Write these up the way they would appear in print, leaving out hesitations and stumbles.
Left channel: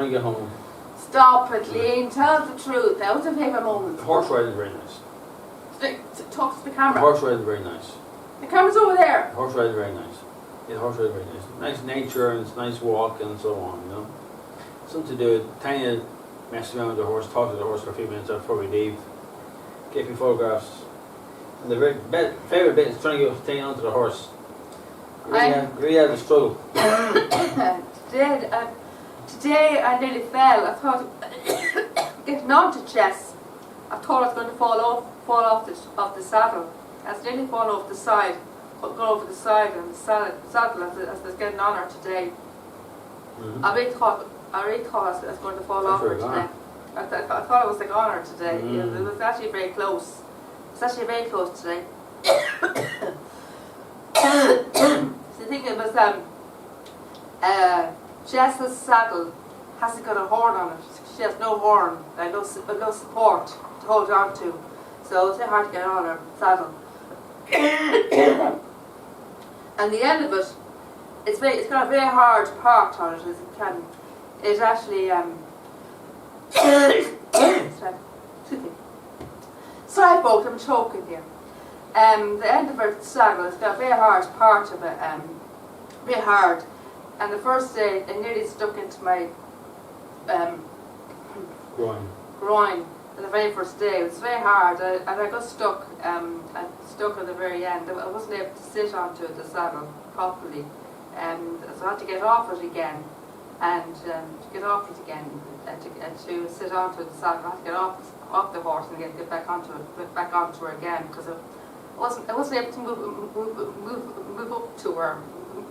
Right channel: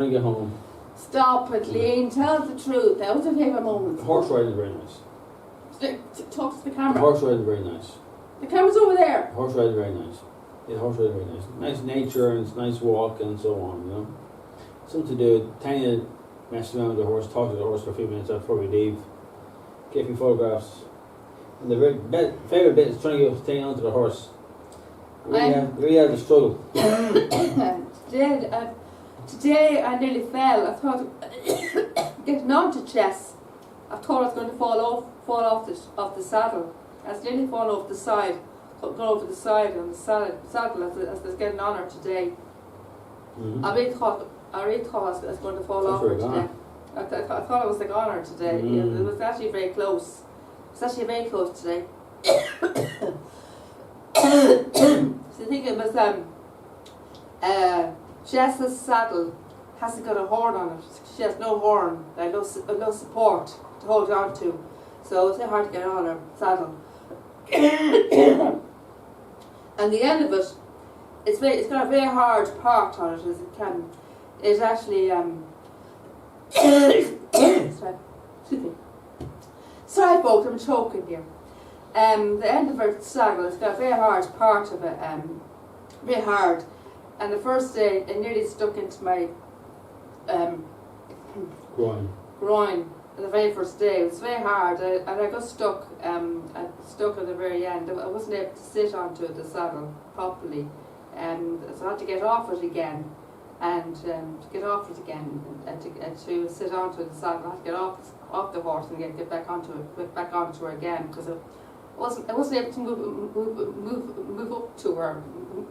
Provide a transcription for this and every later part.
I get home. Stop it, Lean. Tell the truth. That was your favourite moment. The horse riding is very nice. Talk to the The camera. horse riding is very nice. The camera's over there. The horse riding is very nice. Yeah, the horse riding is very nice. Nice nature and it's nice walk and so on, you know. Something to do. Tanya messed around with the horse, talked to the horse for a few minutes before we leave. Gave me photographs. And the favourite bit is trying to get Tanya onto the horse. You really had a struggle. Today I nearly fell. I thought getting onto chess. I thought I was going to fall off the saddle. I was nearly falling off the side, go over the side on the saddle as I was getting on her today. Mm-hmm. I really thought I was going to fall off her today. I thought I was like on her today. Mm-hmm. Yeah, it was actually very close. It's actually very close today. So the thing was, Jess's saddle hasn't got a horn on it. She has no horn, like no support to hold on to. So it's very hard to get on her saddle. And the end of it, it's got a very hard part on it as it can. It actually sorry folks, I'm choking here. The end of her saddle, it's got a very hard part of it, very hard. And the first day, it nearly stuck into my groin the very first day. It was very hard, and I got stuck. I stuck at the very end. I wasn't able to sit onto the saddle properly, so I had to get off it again. And to get off it again, to sit onto the saddle, I had to get off the horse and get back onto her again, because I wasn't able to move up to her,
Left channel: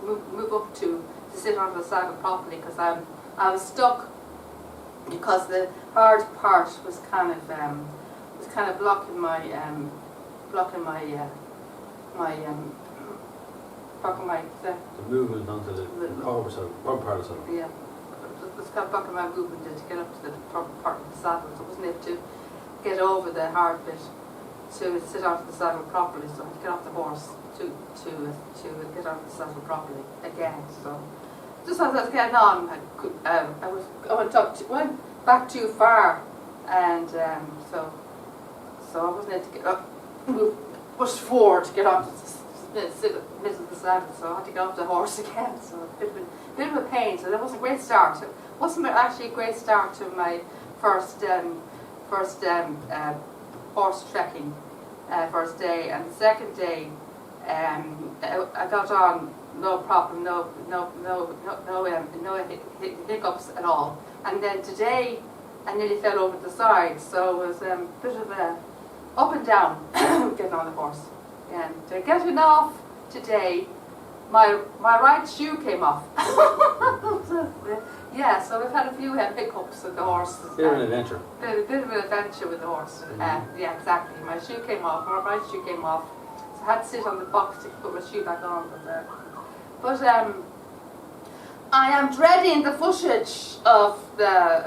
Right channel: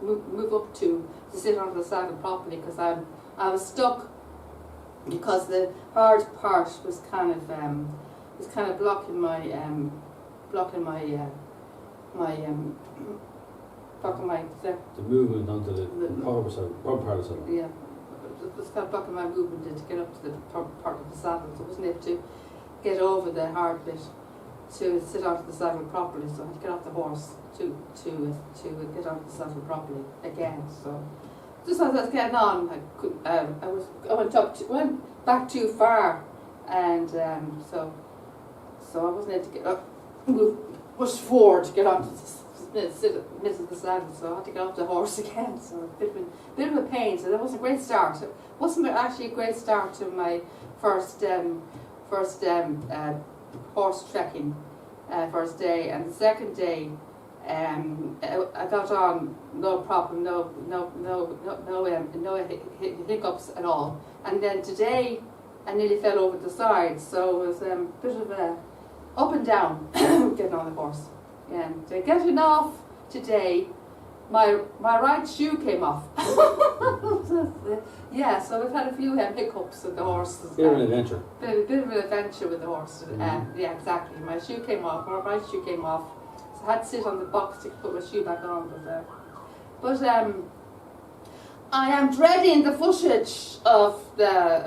move up to sit onto the saddle properly, because I was stuck, because the hard part was kind of blocking my the movement onto the proper part of the saddle. Yeah, it was kind of blocking my movement to get up to the proper part of the saddle, so I wasn't able to get over the hard bit to sit onto the saddle properly. So I had to get off the horse to get onto the saddle properly again. So just as I was getting on, I went back too far, and so I wasn't able to get up, push forward to get onto sit in the middle of the saddle, so I had to get off the horse again. So a bit of a pain. So that wasn't a great start. It wasn't actually a great start to my first horse trekking first day. And the second day, I got on no problem, no hiccups at all. And then today, I nearly fell over the side. So it was a bit of a up and down getting on the horse. And getting off today, my right shoe came off. Yeah, so we've had a few hiccups with the horse. Bit of an adventure. Bit of an adventure with the horse. Yeah, exactly. My shoe came off. My right shoe came off. So I had to sit on the box to put my shoe back on. But I am dreading the footage of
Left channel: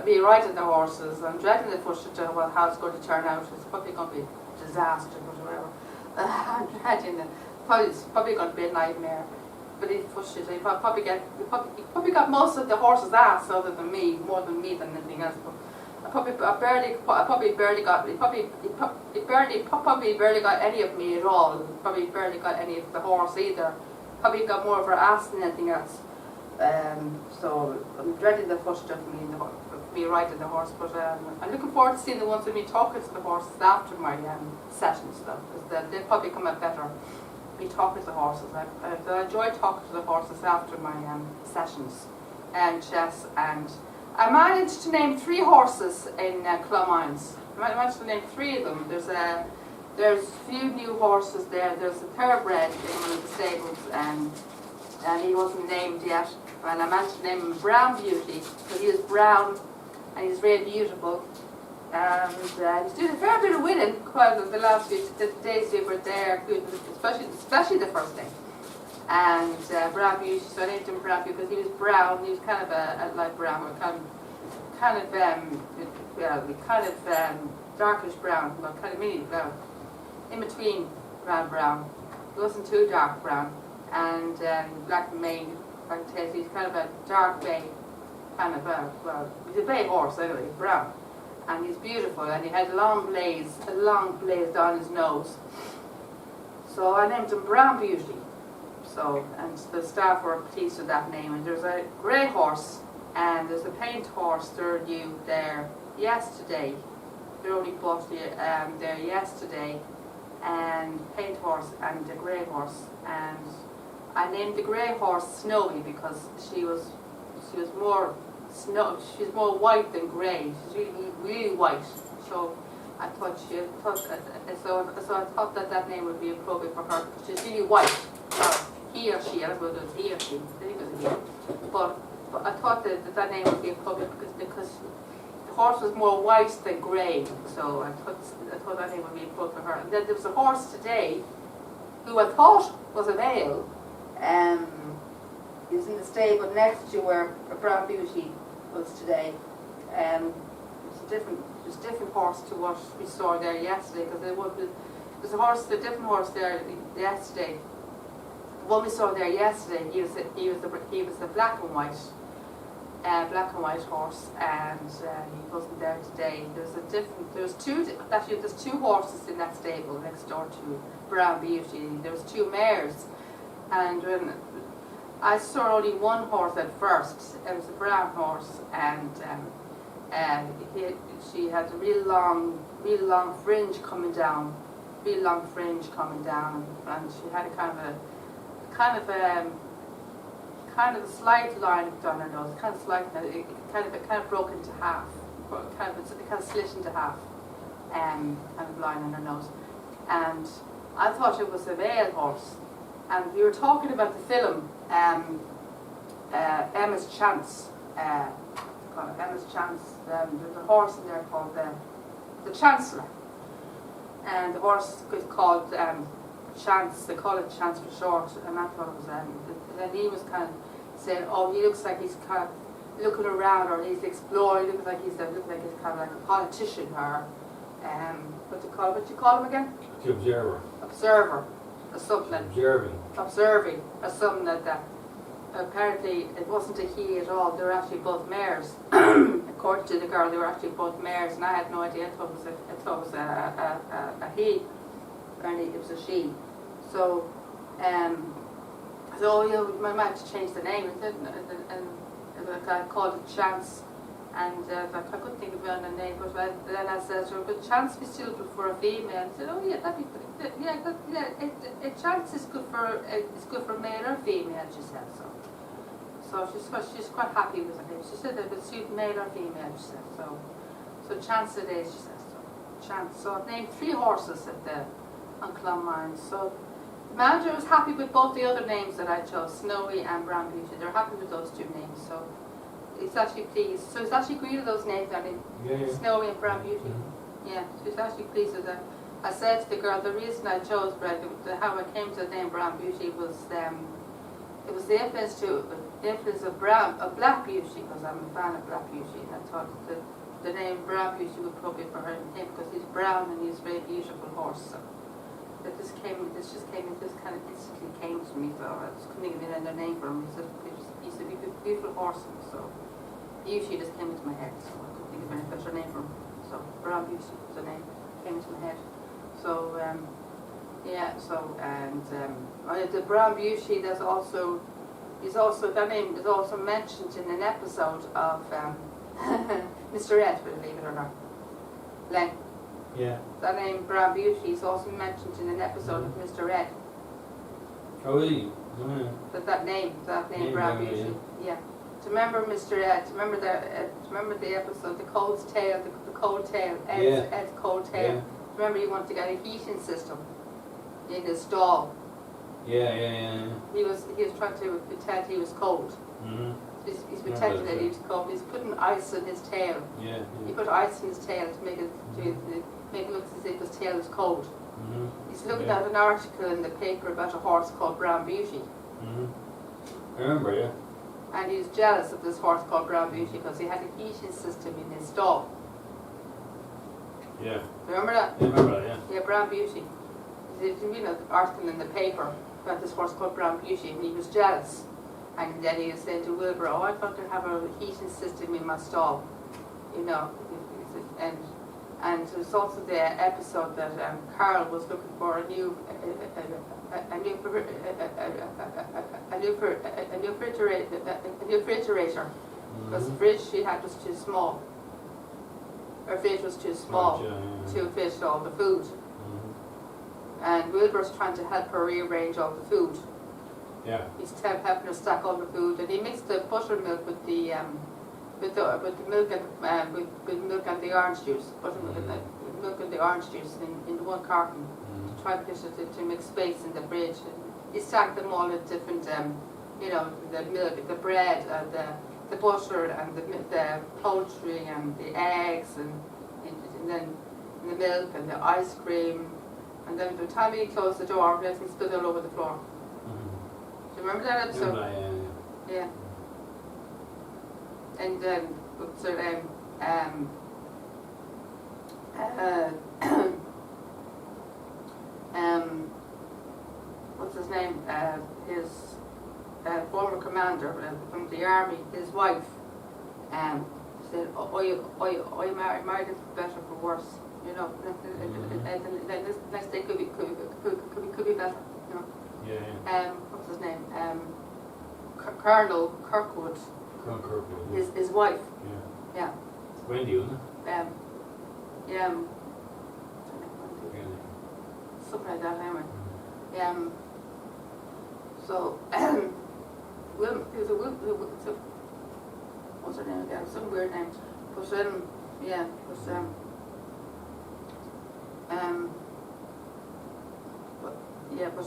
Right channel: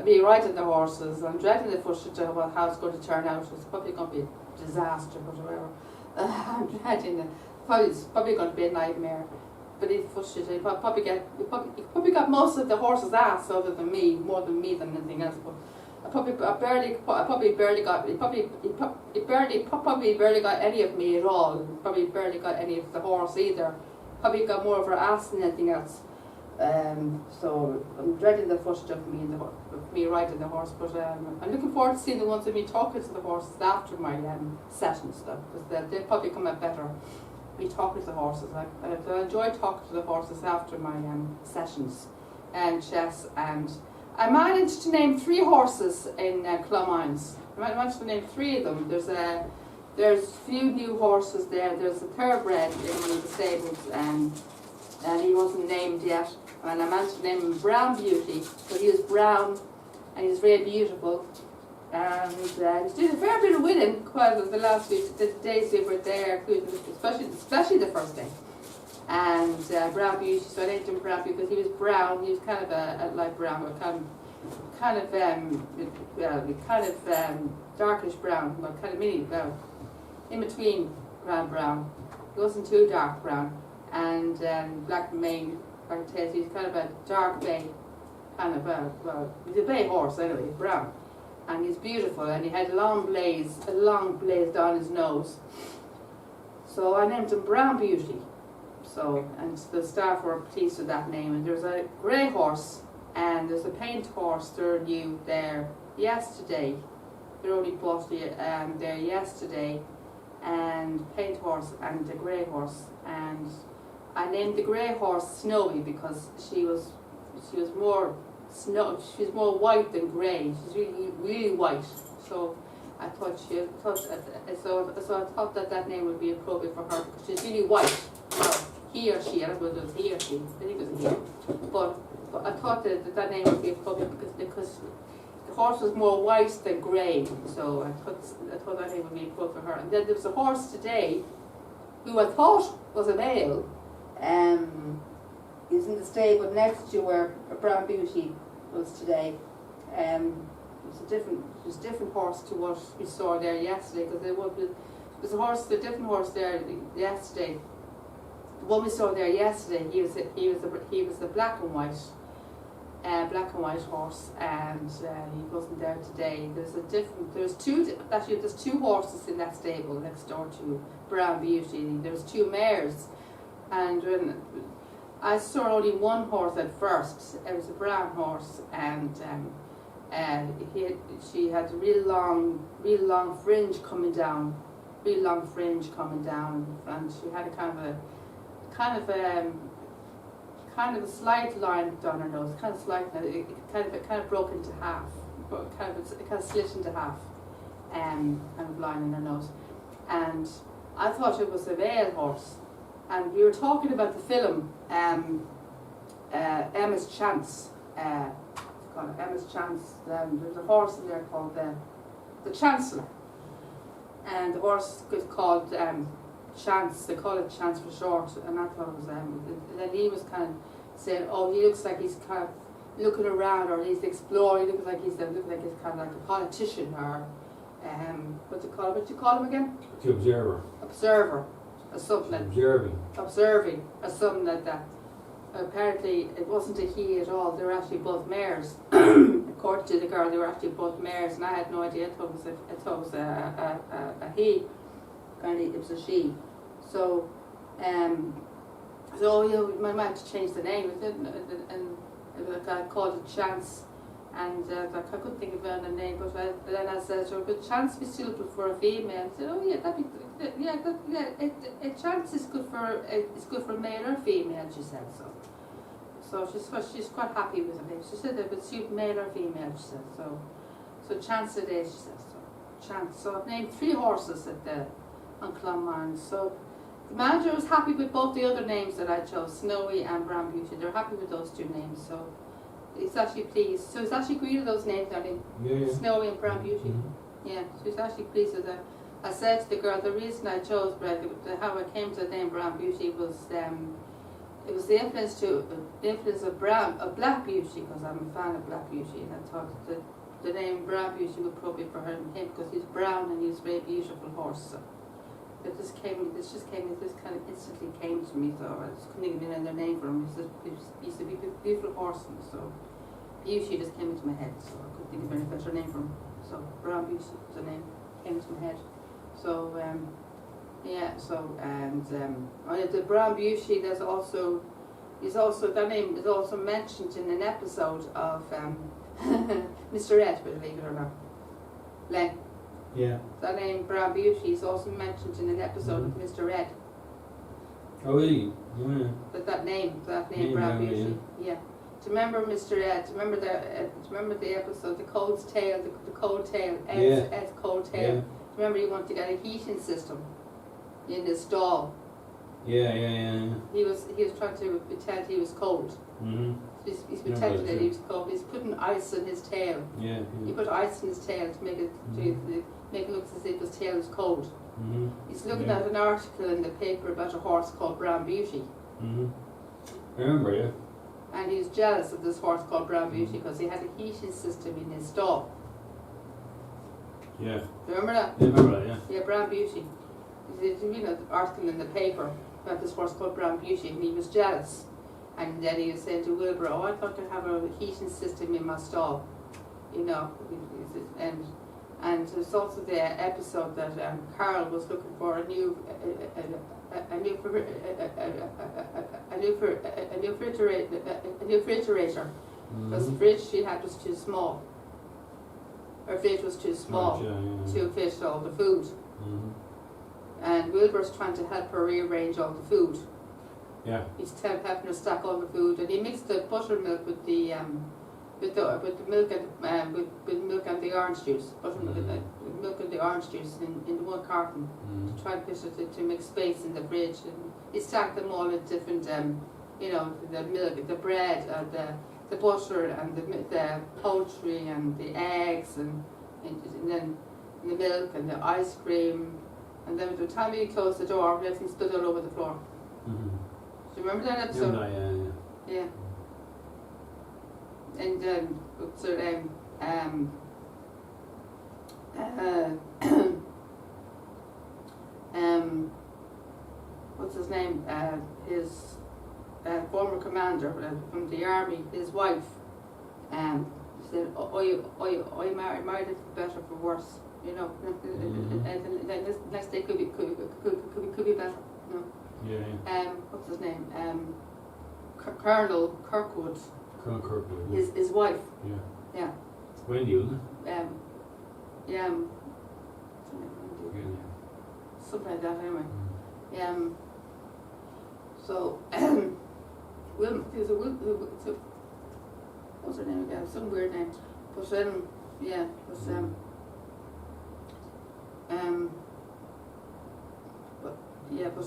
me riding the horses. I'm dreading the footage of how it's going to turn out. It's probably going to be a disaster, but whatever. I'm dreading it. It's probably going to be a nightmare. But you probably got most of the horse's ass other than me, more than me than anything else. But I probably barely got any of me at all. Probably barely got any of the horse either. Probably got more of her ass than anything else. So I'm dreading the footage of me riding the horse. But I'm looking forward to seeing the ones of me talking to the horses after my sessions, though, because they'll probably come out better. Me talking to the horses. I enjoy talking to the horses after my sessions and chess. And I managed to name 3 horses in Clonmines. I managed to name 3 of them. There's a few new horses there. There's a thoroughbred in one of the stables, and he wasn't named yet. And I managed to name him Brown Beauty, because he was brown and he's really beautiful. And he's doing a fair bit of winning quite the last few days we were there, especially the first day. And Brown Beauty, so I named him Brown Beauty because he was brown. He was kind of a light brown, or kind of darkish brown, well, kind of mini brown, in between brown. He wasn't too dark brown, and black mane, black tail. He's kind of a dark bay, kind of well, he's a bay horse anyway, brown, and he's beautiful, and he had a long blaze down his nose. So I named him Brown Beauty. So, and the staff were pleased with that name. And there's a grey horse, and there's a paint horse. They're new there yesterday. They're only bought there yesterday, and paint horse and the grey horse. And I named the grey horse Snowy because she was more she's more white than grey. She's really white. So I thought so I thought that name would be appropriate for her because she's really white. He or she, I don't know whether it was he or she. I think it was a he. But I thought that name would be appropriate because the horse was more white than grey. So I thought that name would be appropriate for her. And then there was a horse today who I thought was a male. He's in the stable next to where Brown Beauty was today. It was a different horse to what we saw there yesterday because there was a different horse there yesterday. The one we saw there yesterday, he was a black and white horse, and he wasn't there today. There's two horses in that stable next door to Brown Beauty. There was two mares, and when I saw only one horse at first, it was a brown horse, and she had a real long fringe coming down, and she had a kind of a slight line down her nose, it kind of broke into half, it kind of slit into half, kind of line on her nose, and I thought it was a male horse, and we were talking about the film Emma's Chance, Emma's Chance. There's a horse in there called the Chancellor, and the horse is called Chance. They call it Chance for short, and I thought it was then he was kind of saying, oh, he looks like he's kind of looking around, or he's exploring. He looks like he's kind of like a politician, or what do you call him again? The observer. Observer, or something. Observing, or something like that. Apparently, it wasn't a he at all. They were actually both mares. According to the girl, they were actually both mares, and I had no idea. I thought it was a he. Apparently, it was a she. So, we might have to change the name, and I called it Chance, and I couldn't think of a name, but then I said, "So good chance be suitable for a female." I said, "Oh yeah, chance is good for male or female." She said so. So she's quite happy with her name. She said it would suit male or female. She said so. Chance it is. She says so. Chance. So I've named 3 horses on Clonmine. So the manager was happy with both the other names that I chose, Snowy and Brown Beauty. They're happy with those 2 names. So he's actually pleased. So he's actually agreed with those names, darling. Yeah. Snowy and Brown Beauty. Mm-hmm. Yeah. So he's actually pleased with that. I said to the girl, the reason I chose how I came to the name Brown Beauty was it was the influence of Black Beauty, because I'm a fan of Black Beauty, and I thought the name Brown Beauty would probably for him because he's brown and he's a very beautiful horse. So this kind of instantly came to me. So I just couldn't even another name for him. He's a beautiful horse, so Beauty just came into my head. So I couldn't think of any better name for him. So Brown Beauty was the name came into my head. So the Brown Beauty, that name is also mentioned in an episode of Mr. Ed, believe it or not. Len. Yeah. That name Brown Beauty is also mentioned in an episode of Mr. Ed. Oh really? Yeah. That name Brown Beauty. Yeah. Do you remember Mr. Ed? Do you remember the episode, the Cold Tail, the Cold Tail, Ed's Cold Tail? Yeah. Remember, he wanted to get a heating system in his stall. Yeah. He was trying to pretend he was cold. Mm-hmm. He's pretending that he was cold. He's putting ice in his tail. Yeah. He put ice in his tail to make it look as if his tail is cold. Mm-hmm. He's looking at an article in the paper about a horse called Brown Beauty. Mm-hmm. I remember, yeah. And he was jealous of this horse called Brown Beauty because he had a heating system in his stall. Yeah. Remember that? Yeah, I remember that, yeah. Yeah, Brown Beauty. There's an article in the paper about this horse called Brown Beauty, and he was jealous And then he was saying to Wilbur, oh, I'd like to have a heating system in my stall, you know. And it was also the episode that Carl was looking for a new refrigerator, because the fridge she had was too small. Her fridge was too small to fit all the food. And Wilbur's trying to help her rearrange all the food. Yeah. He's helping her stack all the food, and he mixed the buttermilk with the milk and with milk and the orange juice, buttermilk milk and the orange juice in the one carton to try to fit it to make space in the fridge. And he stacked them all in different, you know, the milk, the bread, the butter, and the poultry, and the eggs, and then the milk and the ice cream. And then by the time he closed the door, everything spilled all over the floor. Do you remember that episode? Yeah. And so what's his name? His former commander from the army, his wife, said, "I married it for better, for worse." You know, and then this next day could be better. You know. Yeah. What's his name? Colonel Kirkwood. Colonel Kirkwood. Yeah. His wife. Yeah. Yeah. Wendy, wasn't it? Yeah. What's her name? Wendy. Yeah. Something like that, anyway. So, what's her name again? Some weird name. But yeah, but yeah, but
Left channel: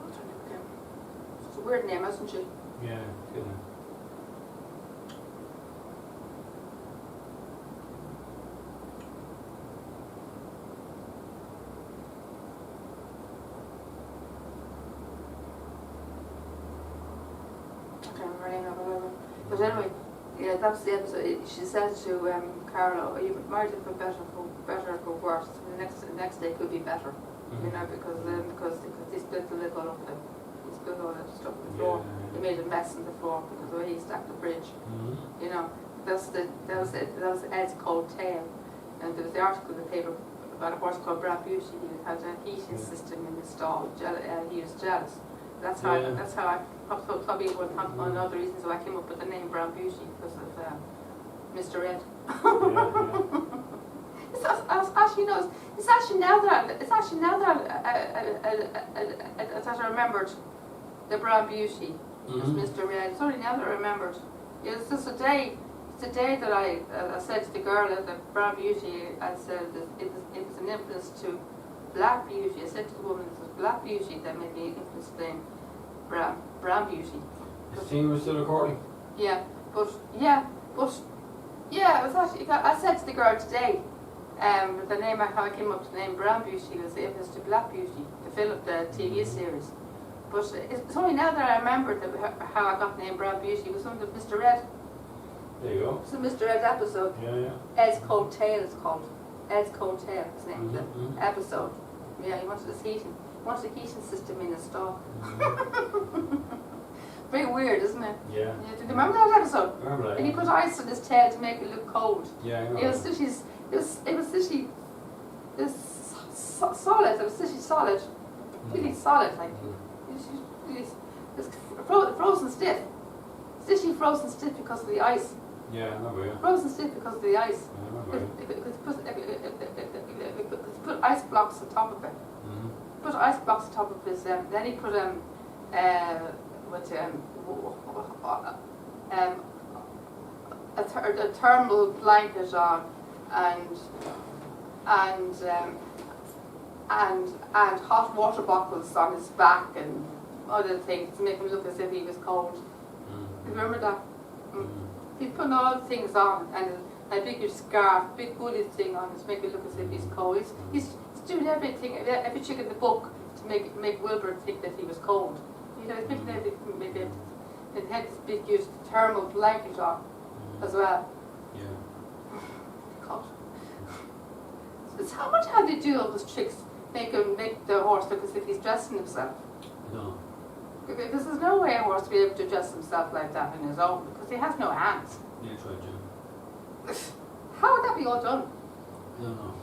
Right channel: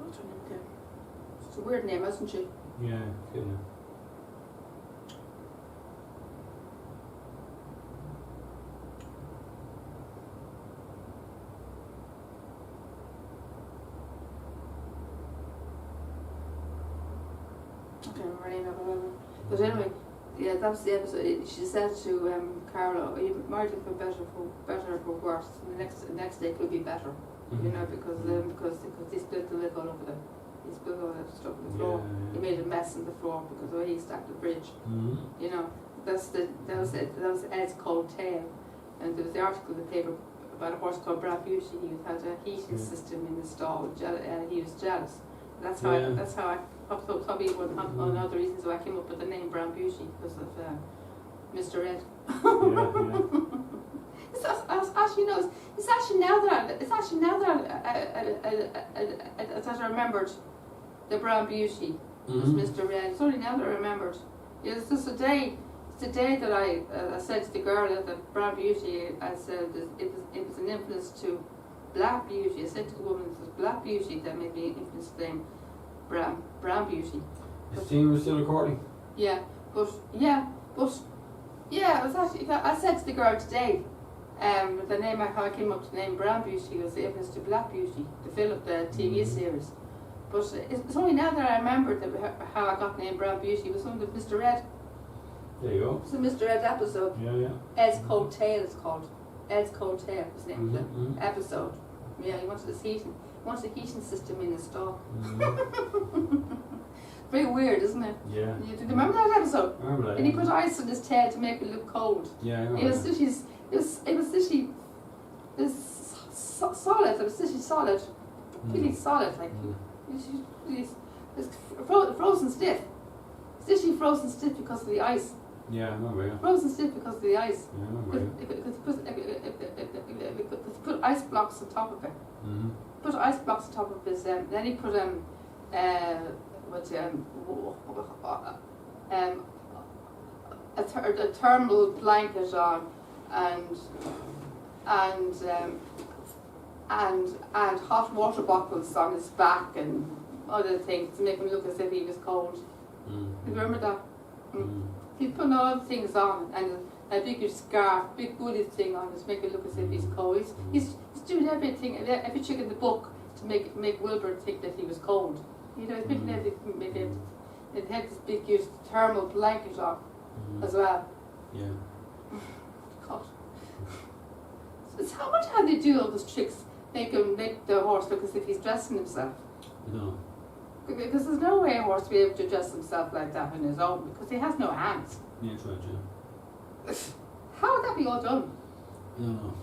what's her name again? It's a weird name, isn't she? Yeah, good name. I can't remember her name now, but anyway, yeah, that was the episode. She said to Carla, "Oh, you married it for better, for worse. And the next day could be better, you know, because he spilled the milk all over he spilled all that stuff on the floor. Yeah. He made a mess on the floor because the way he stacked the fridge, you know. That was Ed's cold tale, and there was the article in the paper about a horse called Brad Beauty. He had a heating system in his stall. He was jealous. That's how I probably one of the reasons why I came up with the name Brown Beauty, because of Mr. Ed. It's actually now that I remembered the Brown Beauty was Mr. Ed. It's only now that I remembered. It's just a day. It's the day that I said to the girl at the Brown Beauty. I said it was an influence to Black Beauty. I said to the woman, it was Black Beauty that made me influence the name Brown Beauty. Is Tina still recording? Yeah, but it was actually, I said to the girl today, the name, how I came up to the name Brown Beauty was the influence to Black Beauty, the TV series. But it's only now that I remembered how I got the name Brown Beauty. It was from the Mr. Ed. There you go. It's a Mr. Ed episode. Yeah. Ed's Cold Tale it's called. Ed's Cold Tale was the name of the episode. Yeah, he wanted a heating system in his stall. Very weird, isn't it? Yeah. Do you remember that episode? I remember that. And he put ice on his tail to make it look cold. Yeah, I remember. It was literally solid. It was literally solid, really solid. Like it was frozen stiff. It's literally frozen stiff because of the ice. Yeah, I remember. Yeah. Frozen stiff because of the ice. Yeah, I remember. Because he put ice blocks on top of it. Put ice blocks on top of his. Then he put a thermal blanket on, and hot water bottles on his back and other things to make him look as if he was cold. You remember that? He's putting all the things on, and a big scarf, big bullet thing on to make it look as if he's cold. He's doing everything, every trick in the book to make Wilbur think that he was cold. You know, he's making everything, make it. It had this big huge thermal blanket on as well. Yeah. God. It's how they do all those tricks, make the horse look as if he's dressing himself. I don't know. Because there's no way a horse to be able to dress himself like that on his own, because he has no hands. Yeah, that's right, yeah. How would that be all done? I don't know.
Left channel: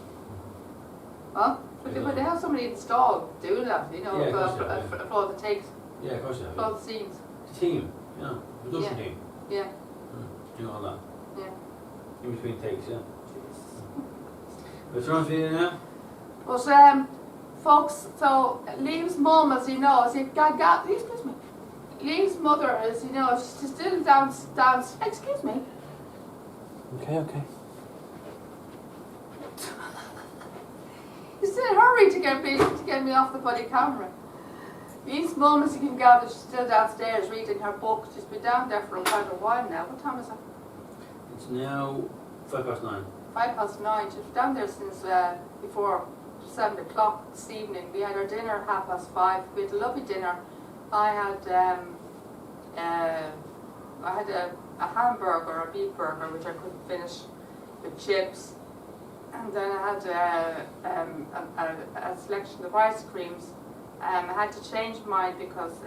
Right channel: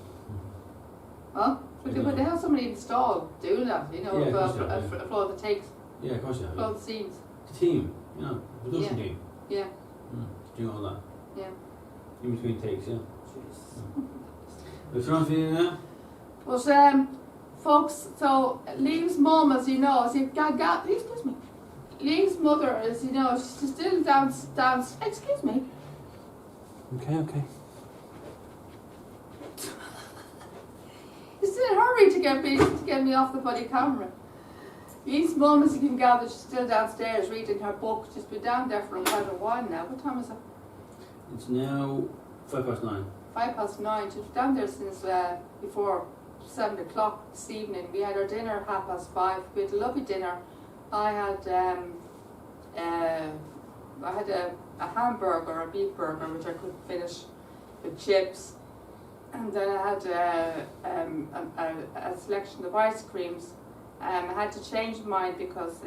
Huh? I But don't they know. have somebody installed doing that, you know, Yeah, of course they have, for all the takes, Yeah, of course you have. for all the scenes. The team, you know, production Yeah. team. Yeah, Doing all that. yeah. In between takes, yeah. Jeez. What's wrong with you now? But folks, so Liam's mum, as you know, excuse me. Liam's mother, as you know, she's still down. Excuse me. Okay. He's in a hurry to get me off the bloody camera. Liam's mum, as you can gather, she's still downstairs reading her book. She's been down there for quite a while now. What time is it? It's now 9:05. 9:05. She's down there since before 7 o'clock this evening. We had our dinner at 5:30. We had a lovely dinner. I had a hamburger, a beef burger, which I couldn't finish, with chips, and then I had a selection of ice creams. I had to change mine because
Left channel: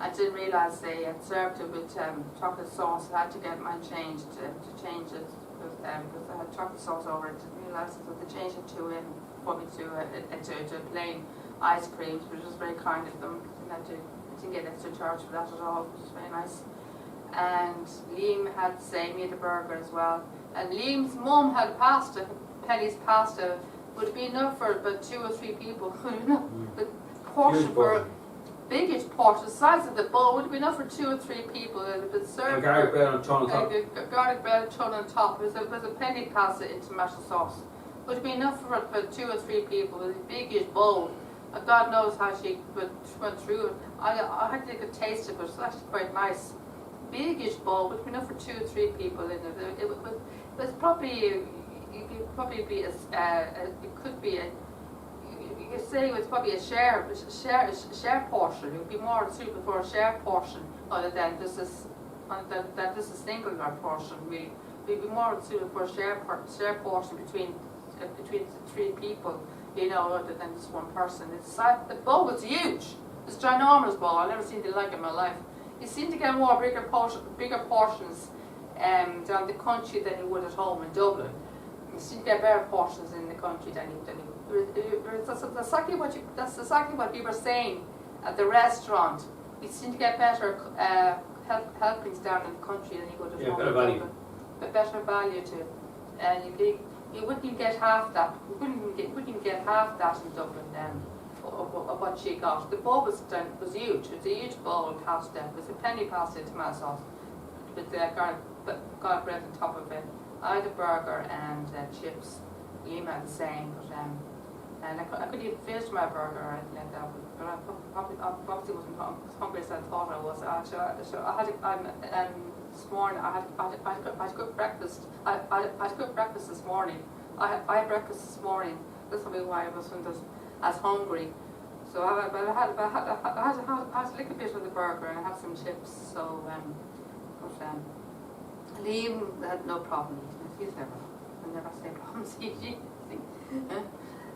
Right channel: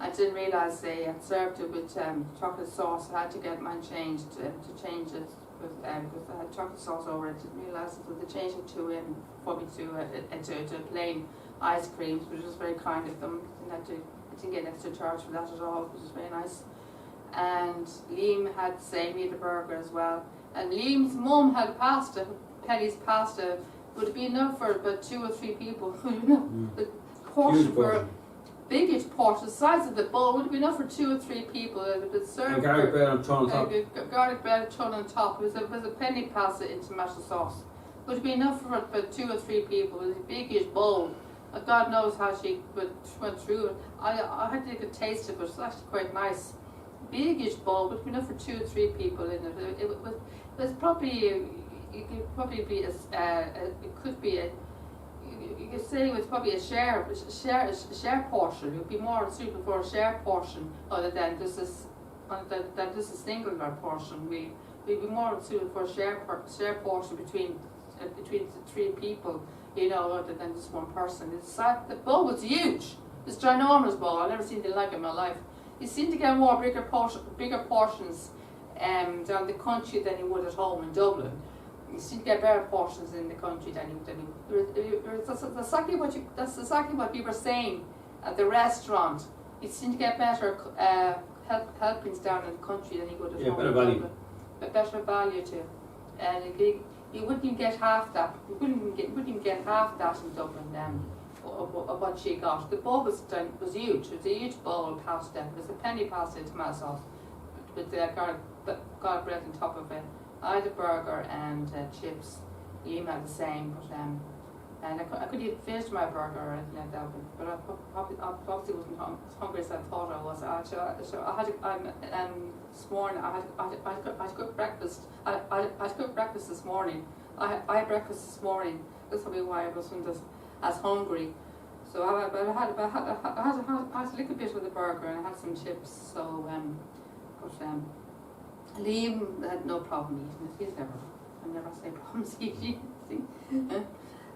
I didn't realise they had served it with chocolate sauce. I had to get mine changed to change it because I had chocolate sauce over it. I didn't realise it, so they changed it for me to plain ice creams, which was very kind of them. I didn't get extra charge for that at all, which was very nice. And Liam had the same, he had a burger as well. And Liam's mum had pasta, Penny's pasta. Would it be enough for about 2 or 3 people? You know, the portion Huge for portion. biggest portion, the size of the bowl, would it be enough for 2 or 3 people? It had been served. And garlic bread on ton on top. Garlic bread, ton on top. It was a penny pasta in tomato sauce. Would it be enough for about 2 or 3 people? It was a biggish bowl. God knows how she went through it. I had to take a taste of it. It's actually quite nice. Biggish bowl would be enough for 2 or 3 people in it. It was probably, it could probably be it could be a, you could say it was probably a share portion. It would be more suitable for a share portion other than just a single portion. We'd be more suitable for a share portion between the 3 people, you know, other than just one person. The bowl was huge. It's a ginormous bowl. I've never seen anything like it in my life. You seem to get bigger portions down the country than you would at home in Dublin. You seem to get better portions in the country than you would. That's exactly what we were saying at the restaurant. You seem to get better helpings down in the country than you would at home better in value. Dublin. But better value too. And you wouldn't even get half that. You wouldn't even get half that in Dublin of what she got. The bowl was huge. It was a huge bowl of pasta. It was a penny pasta in tomato sauce with the garlic bread on top of it. I had a burger and chips. Liam had the same, but and I couldn't even finish my burger or anything like that. But I obviously wasn't as hungry as I thought I was. So I had this morning I had to cook breakfast. I had to cook breakfast this morning. I had breakfast this morning. That's probably why I wasn't as hungry. So I had a little bit of the burger and I had some chips. So Liam had no problem eating it. I never say problems eating anything.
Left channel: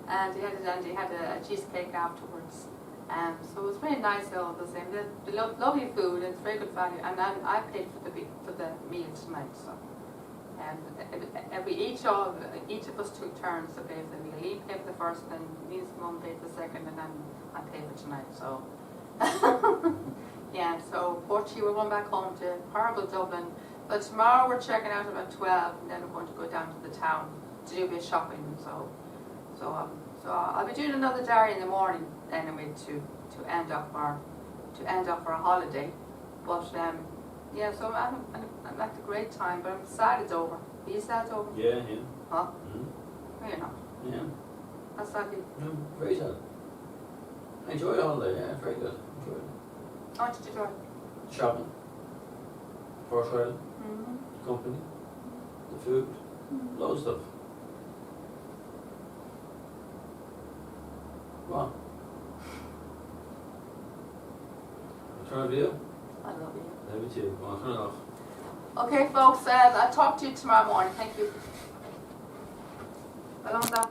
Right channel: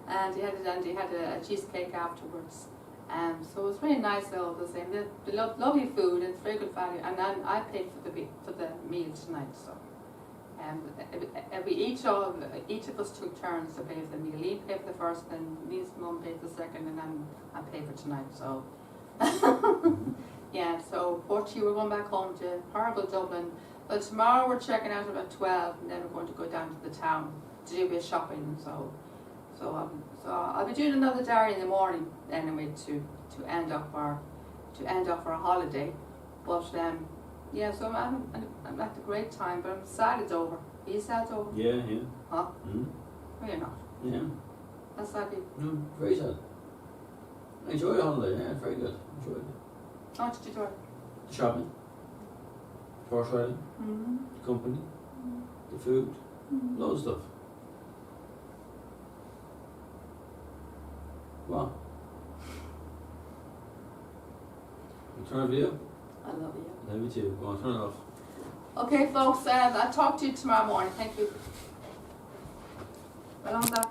And he had a cheesecake afterwards. So it was very nice all the same. The lovely food and it's very good value. And then I paid for the meal tonight. So each of us took turns to pay for the meal. Liam paid for the first, and Liam's mum paid for the second, and then I paid for tonight. So yeah. So fortunately we're going back home to horrible Dublin. But tomorrow we're checking out about 12, and then we're going to go down to the town to do a bit of shopping. So I'll be doing another diary in the morning anyway to end off our holiday. But yeah, so I'm at a great time, but I'm sad it's over. Are you sad it's over? Yeah. Huh? Mm. No, you're not. Yeah. That's sad. No, very sad. I enjoyed the holiday, yeah, very good. Enjoyed it. How did you enjoy it? The shopping, horse riding, Mm-hmm. the company, the food, loads of stuff. What? Turn off video? I love you. Love you too. Go on, turn it off. Okay, folks, I'll talk to you tomorrow morning. Thank you. Well, on that.